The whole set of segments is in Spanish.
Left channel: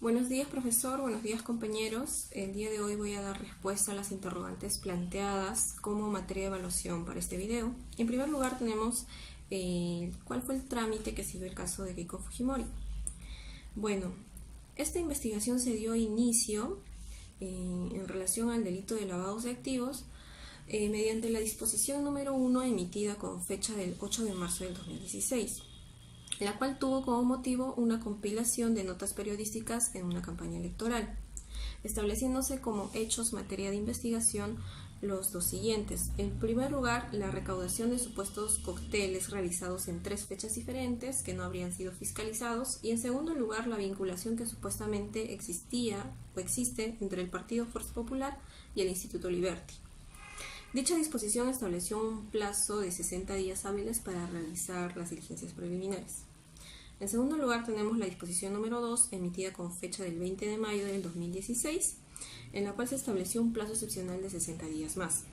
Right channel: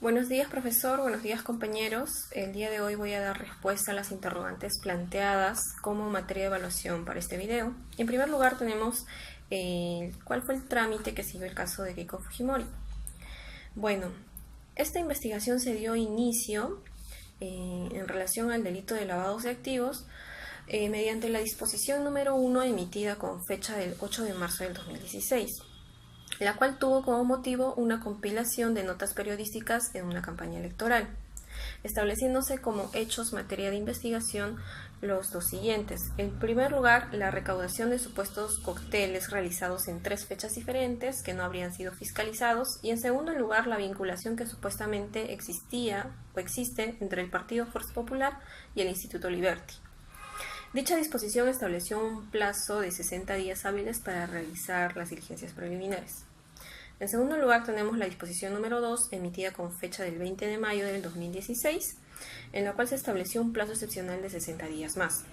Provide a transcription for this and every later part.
Buenos días, profesor. Buenos días, compañeros. El día de hoy voy a dar respuesta a las interrogantes planteadas como materia de evaluación para este video. En primer lugar tenemos cuál fue el trámite que siguió el caso de Keiko Fujimori. Bueno, esta investigación se dio inicio en relación al delito de lavado de activos mediante la disposición número 1 emitida con fecha del 8 de marzo del 2016. La cual tuvo como motivo una compilación de notas periodísticas en una campaña electoral, estableciéndose como hechos materia de investigación los dos siguientes. En primer lugar, la recaudación de supuestos cócteles realizados en 3 fechas diferentes que no habrían sido fiscalizados, y en segundo lugar, la vinculación que supuestamente existía o existe entre el Partido Fuerza Popular y el Instituto Liberty. Dicha disposición estableció un plazo de 60 días hábiles para realizar las diligencias preliminares. En segundo lugar, tenemos la disposición número 2, emitida con fecha del 20 de mayo del 2016, en la cual se estableció un plazo excepcional de 60 días más.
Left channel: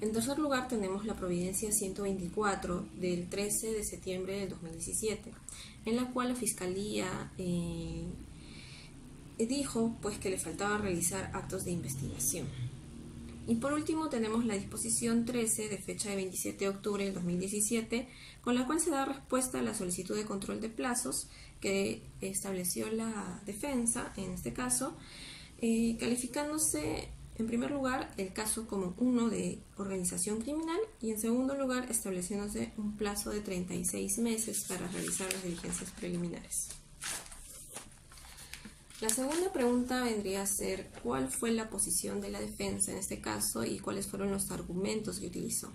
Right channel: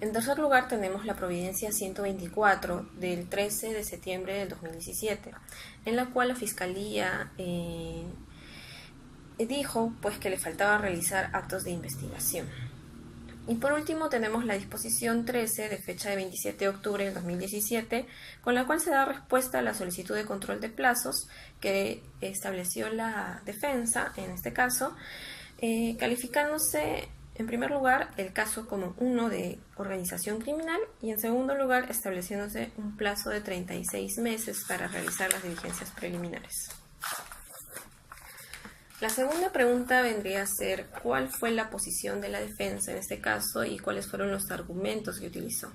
En tercer lugar, tenemos la Providencia 124 del 13 de septiembre del 2017, en la cual la Fiscalía dijo que le faltaba realizar actos de investigación. Y por último tenemos la disposición 13 de fecha de 27 de octubre del 2017, con la cual se da respuesta a la solicitud de control de plazos que estableció la defensa, en este caso, calificándose en primer lugar el caso como uno de organización criminal y en segundo lugar estableciéndose un plazo de 36 meses para realizar las diligencias preliminares. La segunda pregunta vendría a ser ¿cuál fue la posición de la defensa en este caso y cuáles fueron los argumentos que utilizó?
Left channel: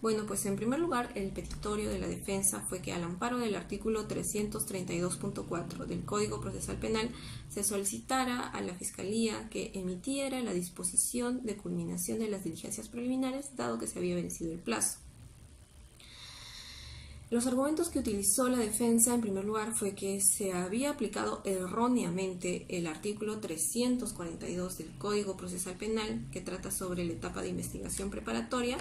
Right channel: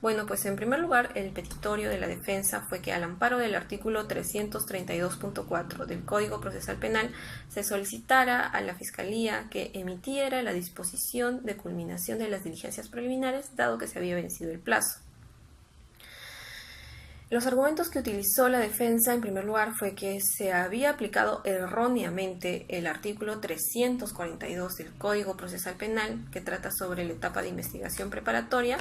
Bueno, pues en primer lugar el petitorio de la defensa fue que al amparo del artículo 332.4 del Código Procesal Penal se solicitara a la Fiscalía que emitiera la disposición de culminación de las diligencias preliminares dado que se había vencido el plazo. Los argumentos que utilizó la defensa en primer lugar fue que se había aplicado erróneamente el artículo 342 del Código Procesal Penal, que trata sobre la etapa de investigación preparatoria,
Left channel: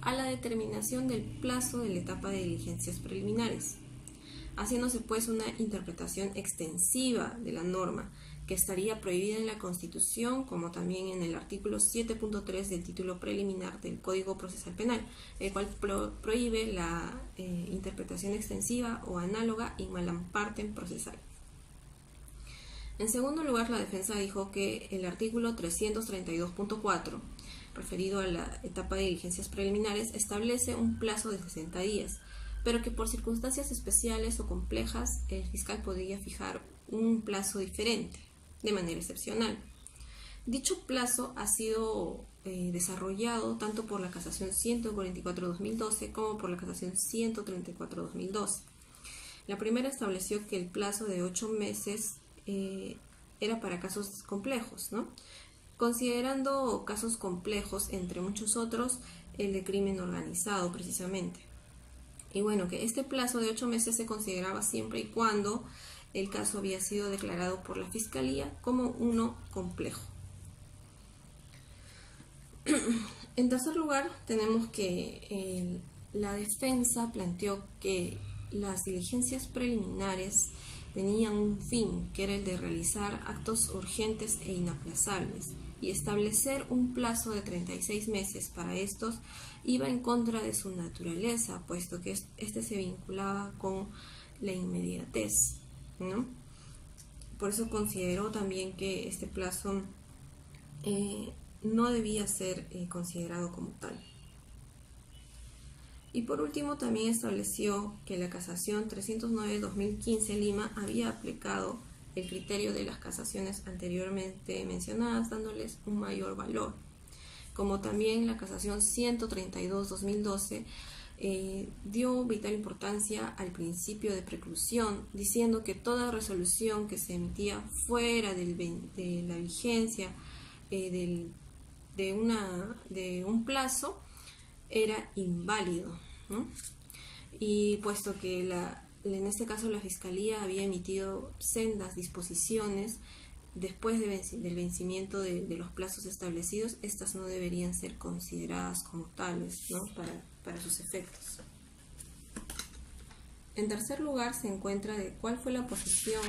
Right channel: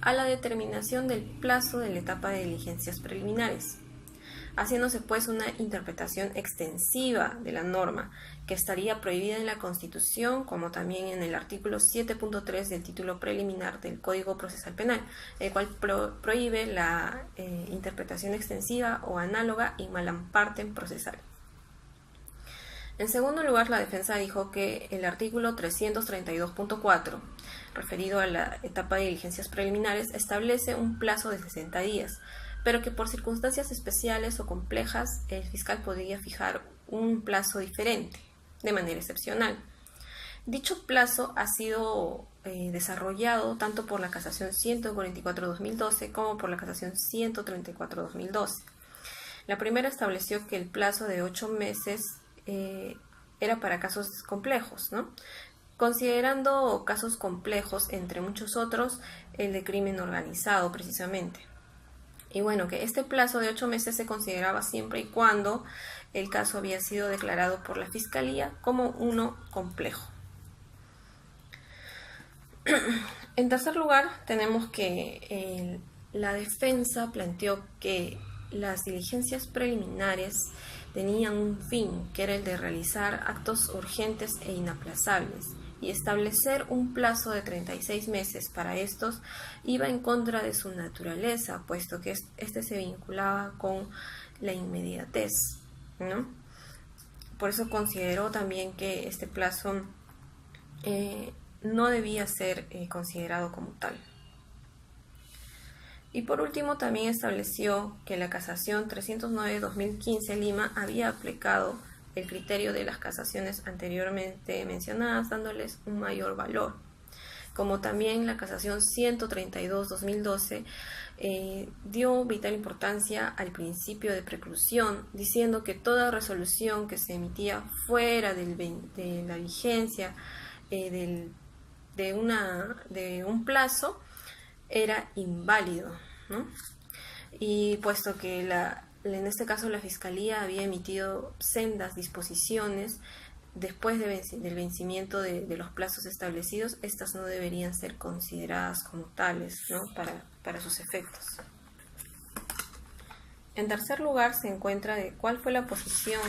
a la determinación del plazo de la etapa de diligencias preliminares, haciéndose pues una interpretación extensiva de la norma, que estaría prohibida en la Constitución, como también en el artículo 7.3 del título preliminar del Código Procesal Penal, el cual prohíbe la interpretación extensiva o análoga y malampartem procesal. En segundo lugar, la defensa dijo que el artículo 332.4, referido a la etapa de diligencias preliminares, establece un plazo de 60 días, pero que por circunstancias especiales o complejas el fiscal podría fijar un plazo diferente, de manera excepcional. Dicho plazo ha sido desarrollado tanto por la Casación 144-2012 como por la Casación 134-2012. La primera estableció que el plazo de 8 meses era para casos complejos, ¿no? Considerando casos complejos, entre muchos otros, el de crimen organizado precisamente. Y bueno, que este plazo de 8 meses se consideraba siempre y cuando el caso había sido declarado por la Fiscalía como uno complejo. En tercer lugar, tenemos que la defensa planteó que las diligencias preliminares tenían un fin, que era el de realizar actos urgentes e inaplazables, y establecer un plazo de 36 meses para estos iba en contra de su naturaleza, puesto que este se vinculaba con la inmediatez, ¿no? Por eso consideró también que este plazo no debía ser considerado como tal. Y por último también estableció que la Casación 309-2015 Lima había aplicado el criterio de las casaciones anteriormente mencionadas, dándoles un mayor valor. Como también la Casación 132-2012 dio vital importancia al principio de preclusión, diciendo que toda resolución que se emitía fuera de la vigencia de un plazo era inválido, ¿no? Y puesto que en este caso la Fiscalía había emitido sendas disposiciones después del vencimiento de los plazos establecidos, estas no deberían ser consideradas como tales, ¿no? para sus efectos. En tercer lugar se encuentra de cuál fue la posición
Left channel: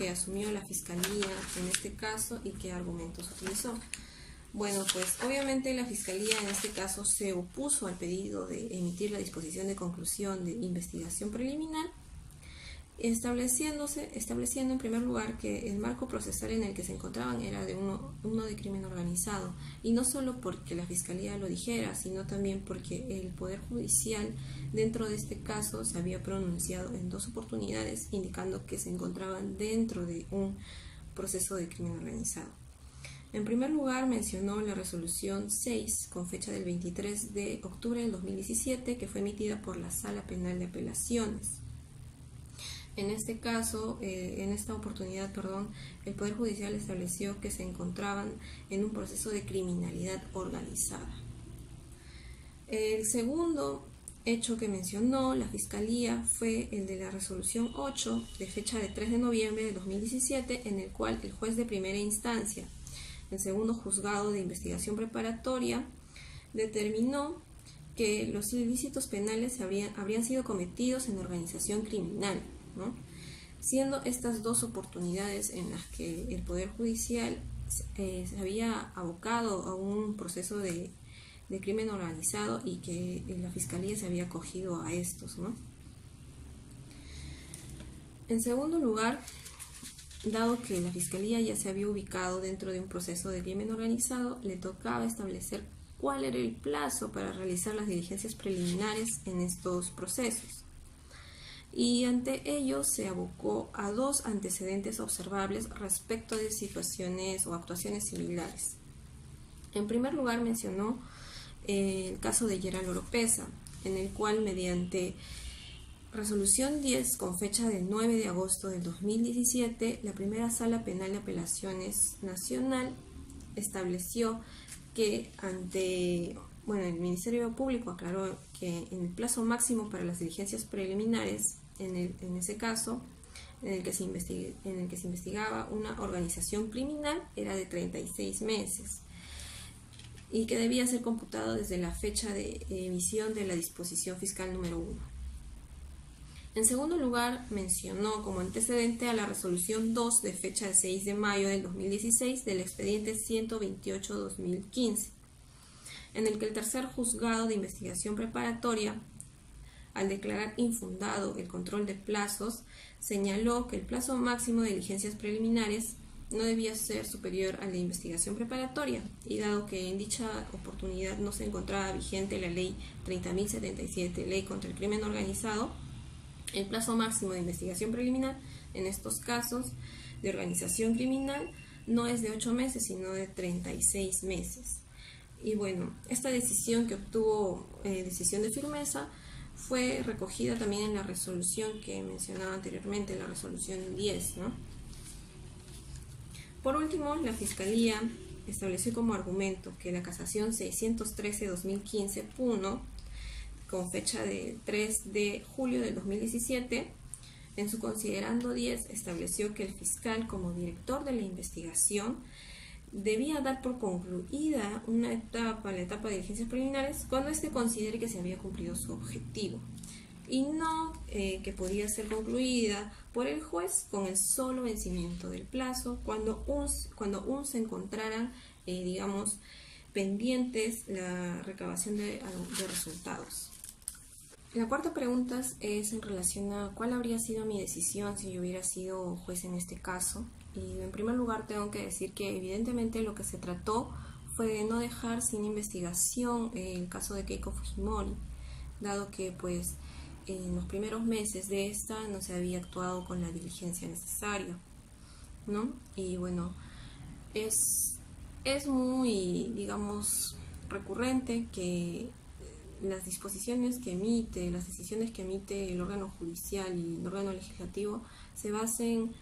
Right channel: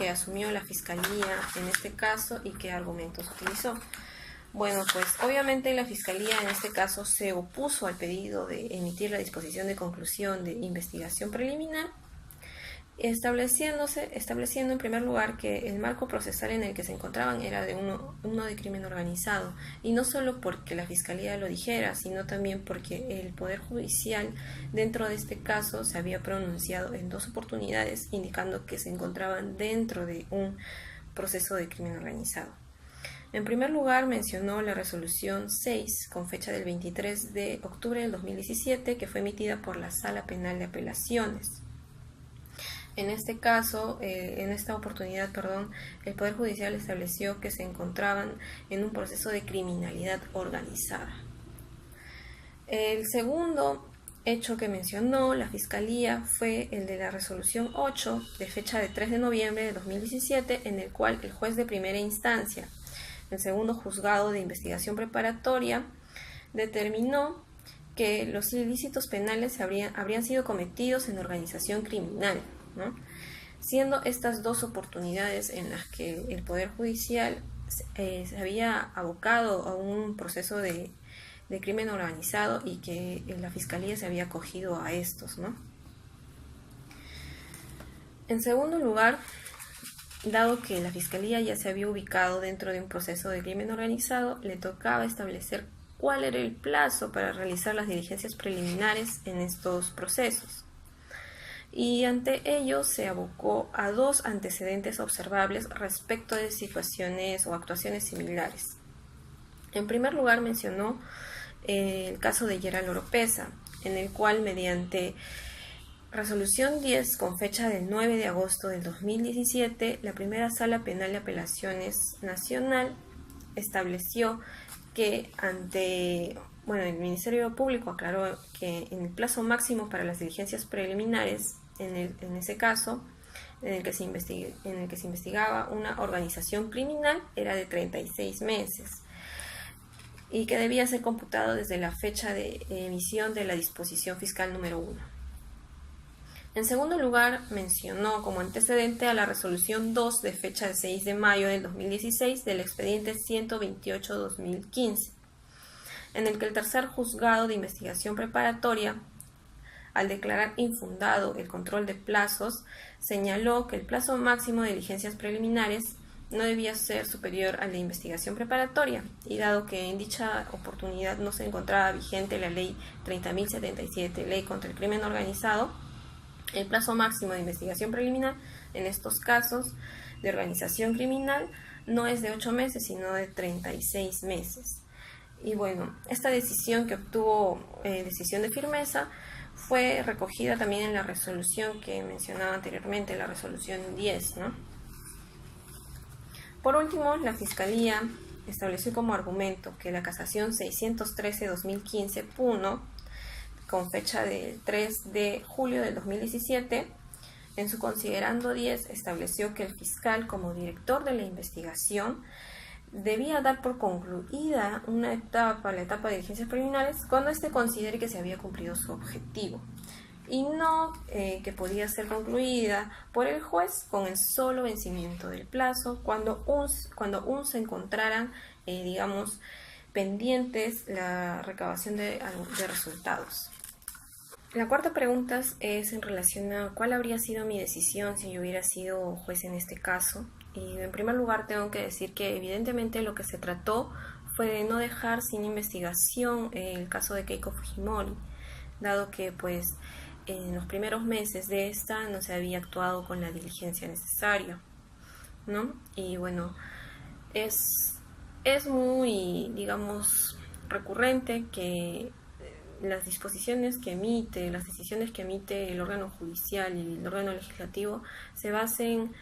que asumió la Fiscalía en este caso y qué argumentos utilizó. Bueno, pues obviamente la Fiscalía en este caso se opuso al pedido de emitir la disposición de conclusión de investigación preliminar, estableciendo en primer lugar que el marco procesal en el que se encontraban era de uno de crimen organizado, y no solo porque la Fiscalía lo dijera, sino también porque el Poder Judicial dentro de este caso se había pronunciado en 2 oportunidades indicando que se encontraban dentro de un proceso de crimen organizado. En primer lugar, mencionó la resolución 6 con fecha del 23 de octubre del 2017 que fue emitida por la Sala Penal de Apelaciones. En este caso, en esta oportunidad, el Poder Judicial estableció que se encontraban en un proceso de criminalidad organizada. El segundo hecho que mencionó la Fiscalía fue el de la resolución 8 de fecha de 3 de noviembre de 2017, en el cual el juez de primera instancia, el segundo juzgado de investigación preparatoria, determinó que los ilícitos penales habrían sido cometidos en organización criminal, ¿no? Siendo estas 2 oportunidades en las que el Poder Judicial se había abocado a un proceso de crimen organizado y que la Fiscalía se había acogido a estos, ¿no? En segundo lugar, dado que la Fiscalía ya se había ubicado dentro de un proceso de crimen organizado, le tocaba establecer cuál era el plazo para realizar las diligencias preliminares en estos procesos. Y ante ello se abocó a 2 antecedentes observables respecto de situaciones o actuaciones similares. En primer lugar, mencionó el caso de Gerald Oropeza, en el cual mediante resolución 10 con fecha del 9 de agosto del 2017, la primera Sala Penal de Apelaciones Nacional estableció que el Ministerio Público aclaró que en el plazo máximo para las diligencias preliminares, en ese caso, en el que se investigaba una organización criminal, era de 36 meses y que debía ser computado desde la fecha de emisión de la disposición fiscal número 1. En segundo lugar, mencionó como antecedente a la resolución 2 de fecha de 6 de mayo del 2016 del expediente 128-2015, en el que el tercer juzgado de investigación preparatoria, al declarar infundado el control de plazos, señaló que el plazo máximo de diligencias preliminares no debía ser superior al de investigación preparatoria, y dado que en dicha oportunidad no se encontraba vigente la ley 30.077, ley contra el crimen organizado, el plazo máximo de investigación preliminar en estos casos de organización criminal no es de 8 meses, sino de 36 meses. Y bueno, esta decisión que obtuvo decisión de firmeza fue recogida también en la resolución que mencionaba anteriormente, la resolución 10, ¿no? Por último, la Fiscalía estableció como argumento que la casación 613-2015 Puno, con fecha de 3 de julio del 2017, en su considerando 10 estableció que el fiscal, como director de la investigación, debía dar por concluida la etapa de diligencias preliminares cuando éste considere que se había cumplido su objetivo, y no que podía ser concluida por el juez con el solo vencimiento del plazo cuando aún se encontraran, pendientes la recabación de resultados. La cuarta pregunta es en relación a cuál habría sido mi decisión si yo hubiera sido juez en este caso. Y en primer lugar tengo que decir que evidentemente lo que se trató fue de no dejar sin investigación el caso de Keiko Fujimori, dado que pues en los primeros meses de esta no se había actuado con la diligencia necesaria, ¿no? Y bueno, es muy, recurrente que las decisiones que emite el órgano judicial y el órgano legislativo se basen,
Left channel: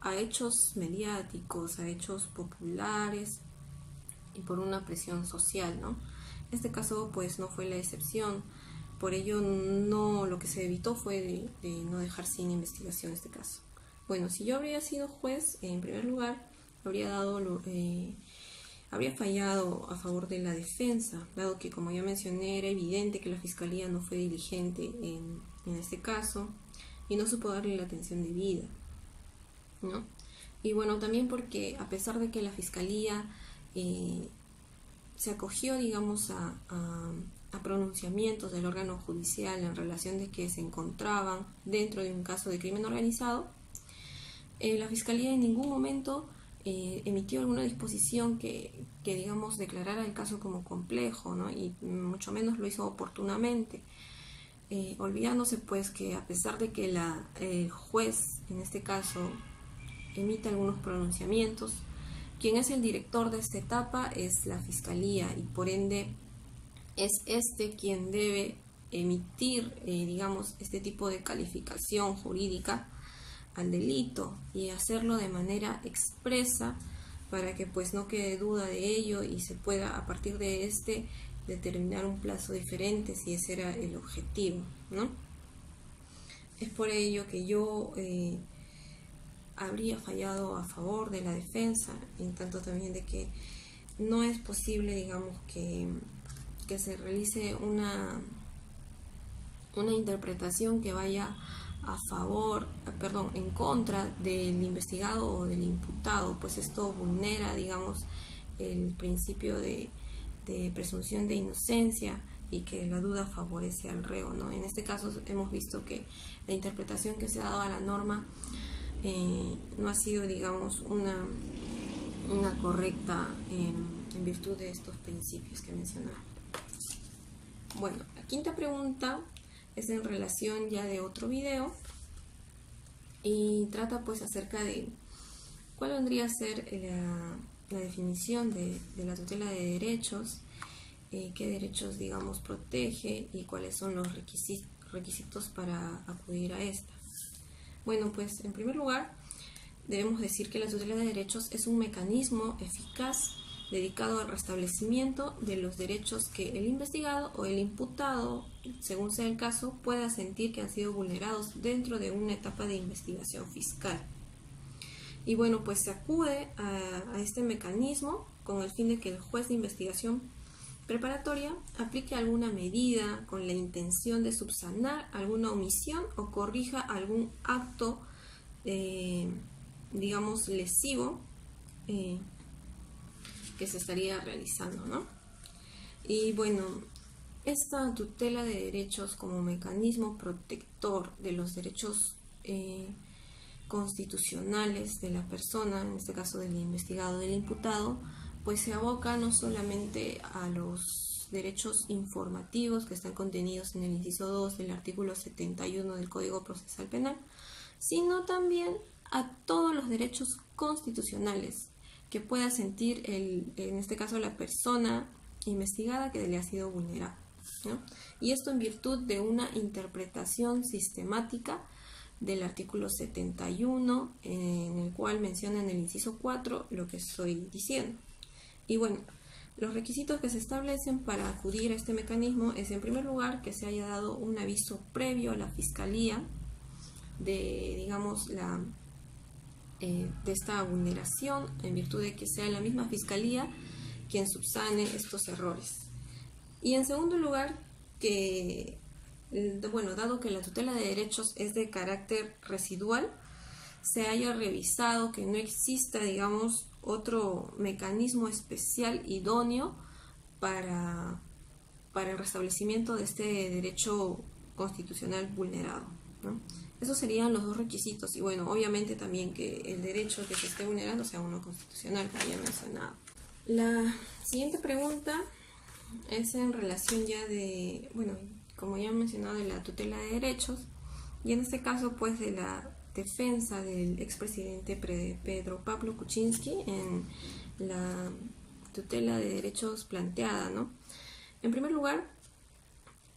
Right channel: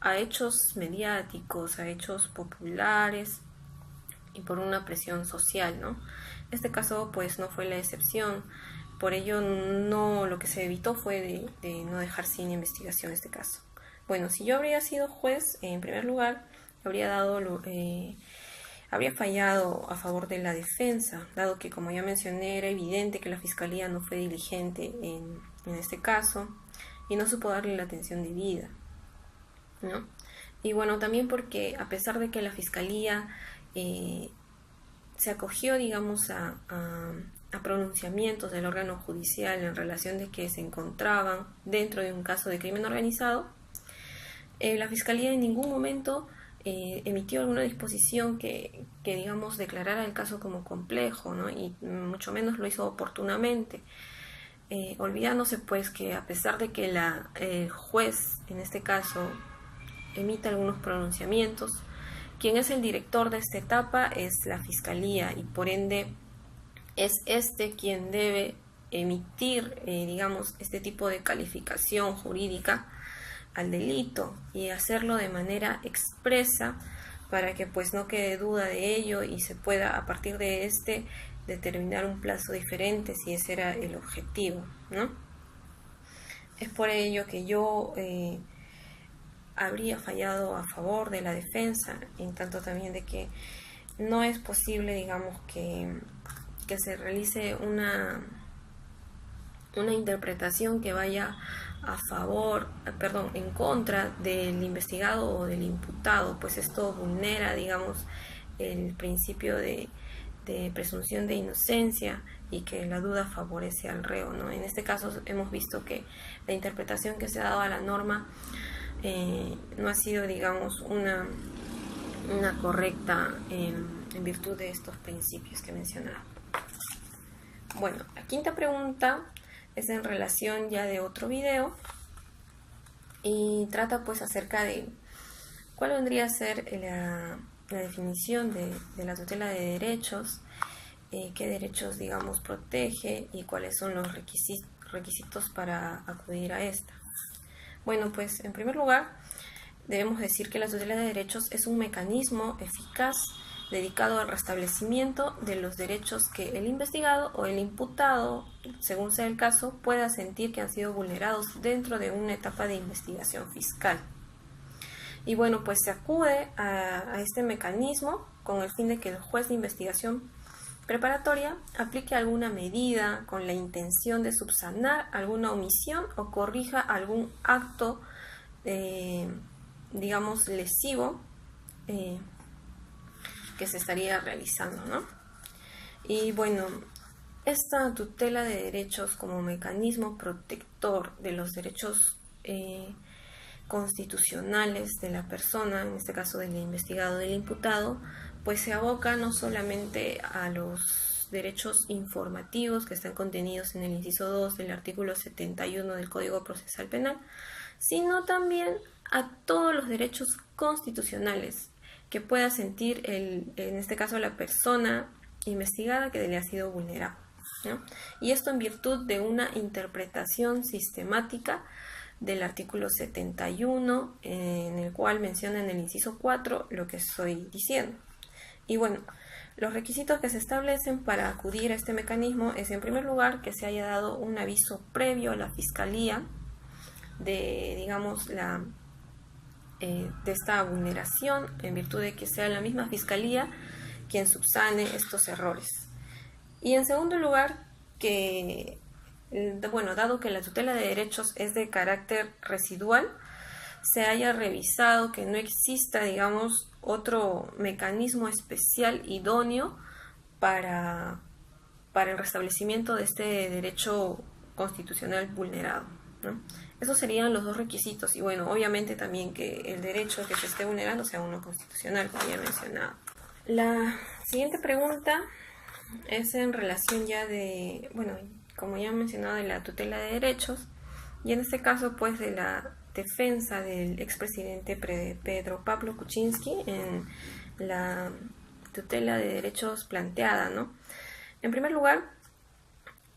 a hechos mediáticos, a hechos populares y por una presión social, ¿no? Este caso pues no fue la excepción, por ello lo que se evitó fue de no dejar sin investigación este caso. Bueno, si yo habría sido juez, en primer lugar, habría fallado a favor de la defensa, dado que, como ya mencioné, era evidente que la Fiscalía no fue diligente en este caso, y no supo darle la atención debida, ¿no? Y bueno, también porque a pesar de que la Fiscalía se acogió, digamos, a pronunciamientos del órgano judicial en relación de que se encontraban dentro de un caso de crimen organizado, la Fiscalía en ningún momento emitió alguna disposición que, digamos, declarara el caso como complejo, ¿no? Y mucho menos lo hizo oportunamente, olvidándose pues que a pesar de que el juez, en este caso, emite algunos pronunciamientos, quien es el director de esta etapa es la Fiscalía y por ende es quien debe emitir, digamos, este tipo de calificación jurídica al delito y hacerlo de manera expresa para que pues no quede duda de ello y se pueda a partir de determinar un plazo diferente si ese era el objetivo, ¿no? Es por ello que yo habría fallado a favor de la defensa, en tanto también de que no es posible, digamos, que se realice una interpretación que vaya en contra del investigado o del imputado, pues esto vulnera, digamos, el principio de presunción de inocencia y que la duda favorece al reo, ¿no? En este caso hemos visto que la interpretación que se ha dado a la norma no ha sido, digamos, una correcta en virtud de estos principios que mencionaba. Bueno, la quinta pregunta es en relación ya de otro video y trata pues acerca de cuál vendría a ser la definición de la tutela de derechos, qué derechos, digamos, protege y cuáles son los requisitos para acudir a esta. Bueno, pues en primer lugar debemos decir que la tutela de derechos es un mecanismo eficaz dedicado al restablecimiento de los derechos que el investigado o el imputado, según sea el caso, pueda sentir que han sido vulnerados dentro de una etapa de investigación fiscal. Y bueno, pues se acude a este mecanismo con el fin de que el juez de investigación preparatoria aplique alguna medida con la intención de subsanar alguna omisión o corrija algún acto, digamos, lesivo que se estaría realizando, ¿no? Y bueno, esta tutela de derechos como mecanismo protector de los derechos constitucionales de la persona, en este caso del investigado, del imputado, pues se aboca no solamente a los derechos informativos que están contenidos en el inciso 2 del artículo 71 del Código Procesal Penal, sino también a todos los derechos constitucionales que pueda sentir, en este caso, la persona investigada que le ha sido vulnerado, ¿no? Y esto en virtud de una interpretación sistemática del artículo 71, en el cual menciona en el inciso 4 lo que estoy diciendo. Y bueno, los requisitos que se establecen para acudir a este mecanismo es, en primer lugar, que se haya dado un aviso previo a la Fiscalía de, digamos, de esta vulneración, en virtud de que sea la misma Fiscalía quien subsane estos errores. Y en segundo lugar, que, bueno, dado que la tutela de derechos es de carácter residual, se haya revisado que no exista, digamos, otro mecanismo especial idóneo para el restablecimiento de este derecho constitucional vulnerado, ¿no? Esos serían los dos requisitos y bueno, obviamente también que el derecho que se esté vulnerando sea uno constitucional, como ya he mencionado. La siguiente pregunta es en relación ya de, bueno, como ya he mencionado, de la tutela de derechos y en este caso pues de la defensa del expresidente Pedro Pablo Kuczynski en la tutela de derechos planteada, ¿no? En primer lugar,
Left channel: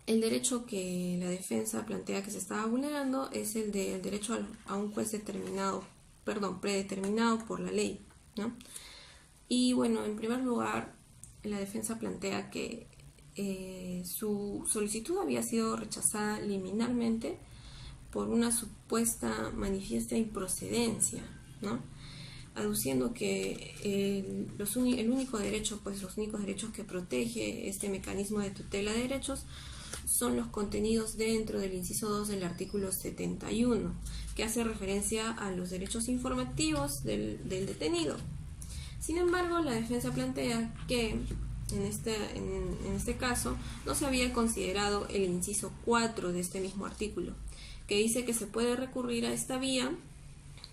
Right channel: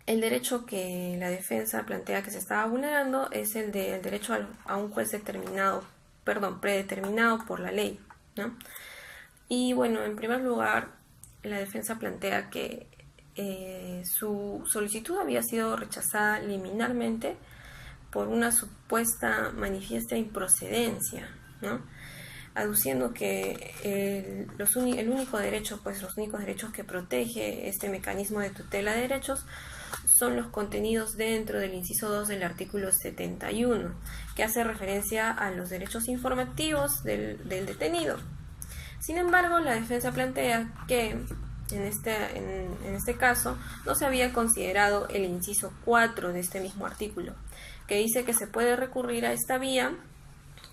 el derecho que la defensa plantea que se estaba vulnerando es el del derecho a un juez predeterminado por la ley, ¿no? Y bueno, en primer lugar, la defensa plantea que su solicitud había sido rechazada liminarmente por una supuesta manifiesta improcedencia, ¿no? Aduciendo que los únicos derechos que protege este mecanismo de tutela de derechos son los contenidos dentro del inciso 2 del artículo 71, que hace referencia a los derechos informativos del detenido. Sin embargo, la defensa plantea que en este caso no se había considerado el inciso 4 de este mismo artículo, que dice que se puede recurrir a esta vía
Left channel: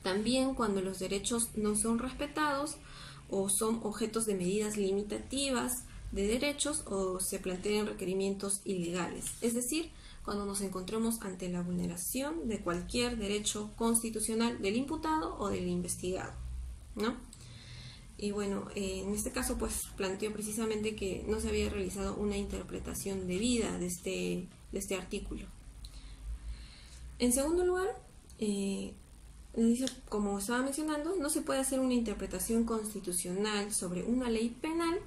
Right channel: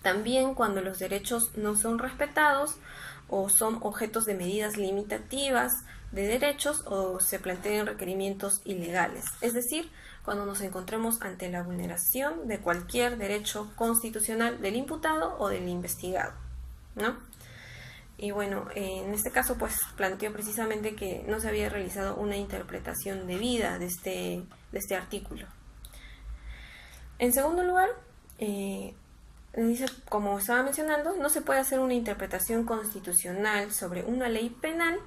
también cuando los derechos no son respetados o son objetos de medidas limitativas de derechos o se planteen requerimientos ilegales, es decir, cuando nos encontremos ante la vulneración de cualquier derecho constitucional del imputado o del investigado, ¿no? Y bueno, en este caso pues planteó precisamente que no se había realizado una interpretación debida de este artículo. En segundo lugar, dice, como estaba mencionando, no se puede hacer una interpretación constitucional sobre una ley penal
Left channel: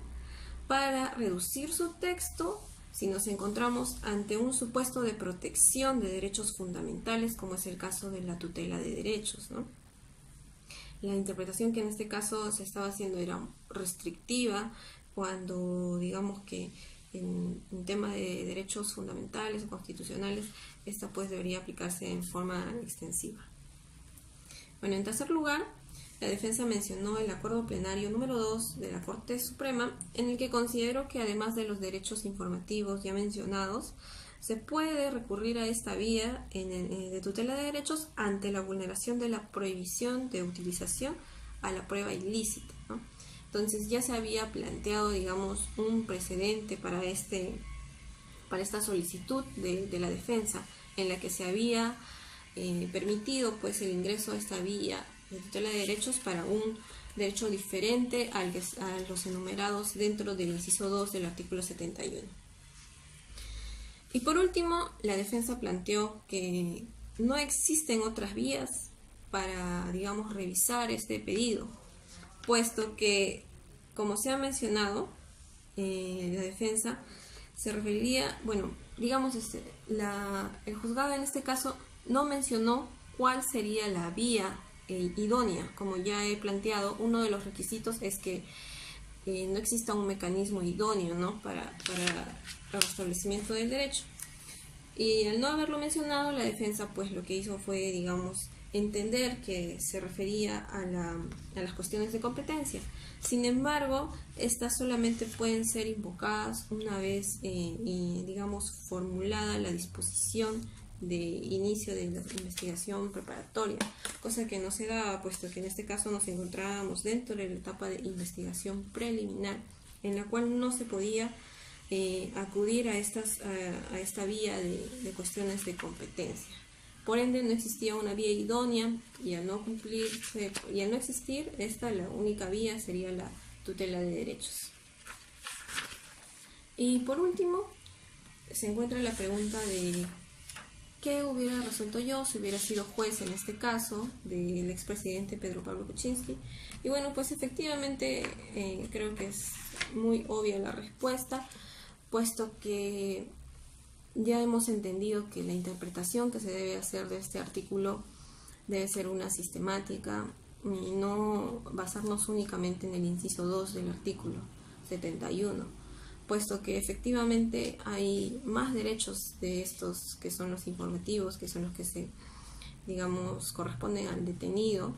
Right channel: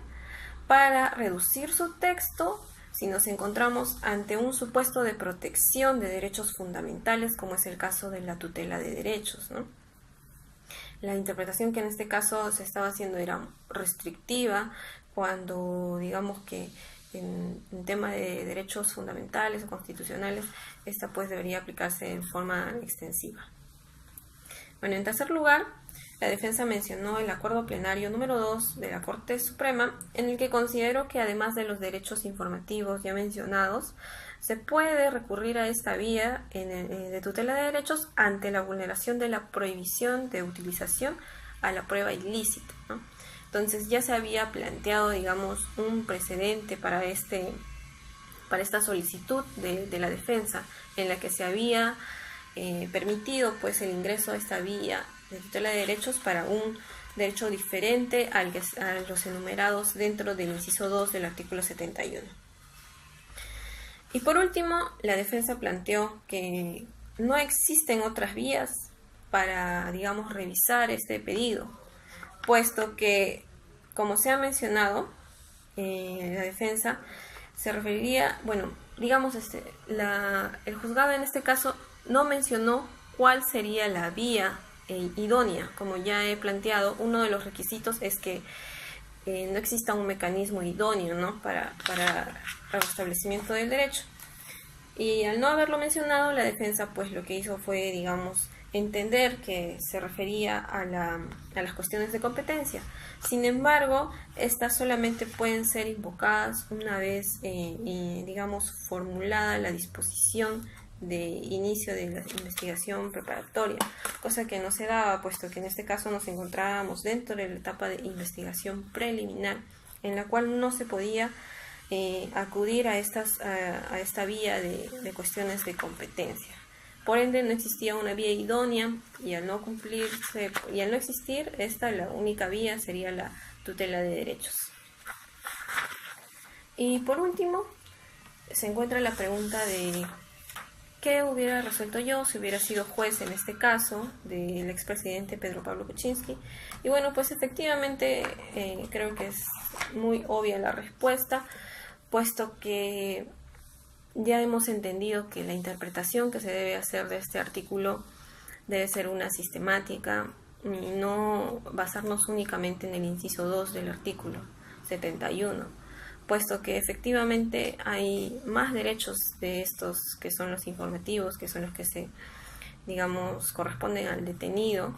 para reducir su texto si nos encontramos ante un supuesto de protección de derechos fundamentales, como es el caso de la tutela de derechos, ¿no? La interpretación que en este caso se estaba haciendo era restrictiva, cuando digamos que en tema de derechos fundamentales o constitucionales, esta pues debería aplicarse en forma extensiva. Bueno, en tercer lugar, la defensa mencionó el acuerdo plenario número 2 de la Corte Suprema, en el que consideró que además de los derechos informativos ya mencionados, se puede recurrir a esta vía de tutela de derechos ante la vulneración de la prohibición de utilización a la prueba ilícita, ¿no? Entonces ya se había planteado, digamos, un precedente para esta solicitud de la defensa, en la que se había permitido pues el ingreso a esta vía de tutela de derechos para un derecho diferente a los enumerados dentro del inciso 2 del artículo 71. Y por último, la defensa planteó que no existen otras vías para, digamos, revisar este pedido, puesto que, como se ha mencionado, la defensa se referiría, bueno, digamos, el juzgado en este caso no mencionó cuál sería la vía idónea. Como ya he planteado, uno de los requisitos es que no exista un mecanismo idóneo, ¿no? para el restablecimiento del derecho. Y al no haberlo mencionado, la defensa pues lo que hizo fue, digamos, entender que se refería a las cuestiones de competencia. Sin embargo, estas solamente pueden ser invocadas una vez, digamos, formulada la disposición de inicio de la investigación preparatoria, cosa que no se daba, puesto que en este caso nos encontrábamos dentro de la etapa de investigación preliminar, en la cual no se podía acudir a esta vía de cuestiones de competencia. Por ende, no existía una vía idónea y al no existir esta, la única vía sería la tutela de derechos. Y por último, se encuentra la pregunta de ¿qué hubiera resuelto yo si hubiera sido juez en este caso del expresidente Pedro Pablo Kuczynski? Y bueno, pues efectivamente creo que es muy obvia la respuesta, puesto que ya hemos entendido que la interpretación que se debe hacer de este artículo debe ser una sistemática y no basarnos únicamente en el inciso 2 del artículo 71, puesto que efectivamente hay más derechos de estos que son los informativos, que son los que digamos, corresponden al detenido.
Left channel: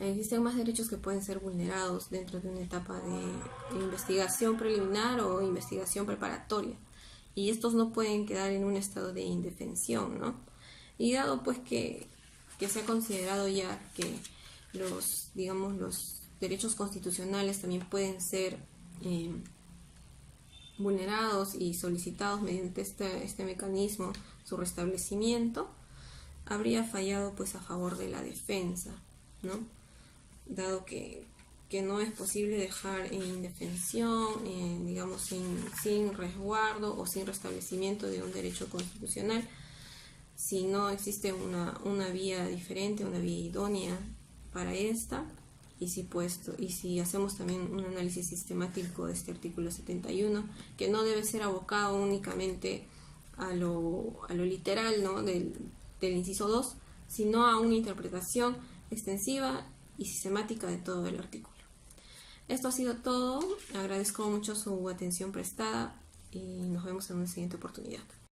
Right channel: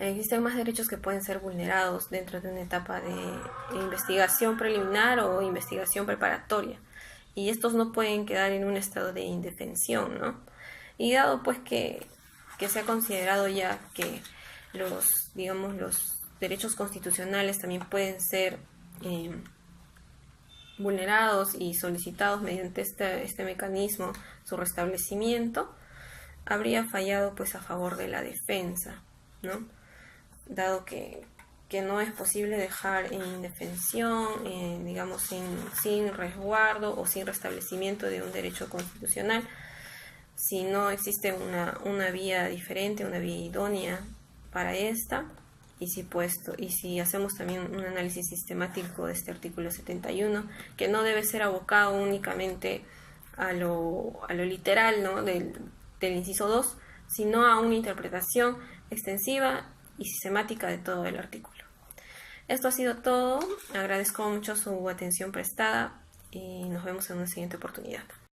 Existen más derechos que pueden ser vulnerados dentro de una etapa de investigación preliminar o investigación preparatoria, y estos no pueden quedar en un estado de indefensión, ¿no? Y dado pues que se ha considerado ya que los derechos constitucionales también pueden ser vulnerados y solicitados mediante este mecanismo, su restablecimiento, habría fallado pues a favor de la defensa, ¿no? Dado que no es posible dejar en indefensión, digamos, sin resguardo o sin restablecimiento de un derecho constitucional, si no existe una vía diferente, una vía idónea para esta, y si hacemos también un análisis sistemático de este artículo 71, que no debe ser abocado únicamente a lo literal, ¿no? del inciso 2, sino a una interpretación extensiva y sistemática de todo el artículo. Esto ha sido todo. Agradezco mucho su atención prestada y nos vemos en una siguiente oportunidad.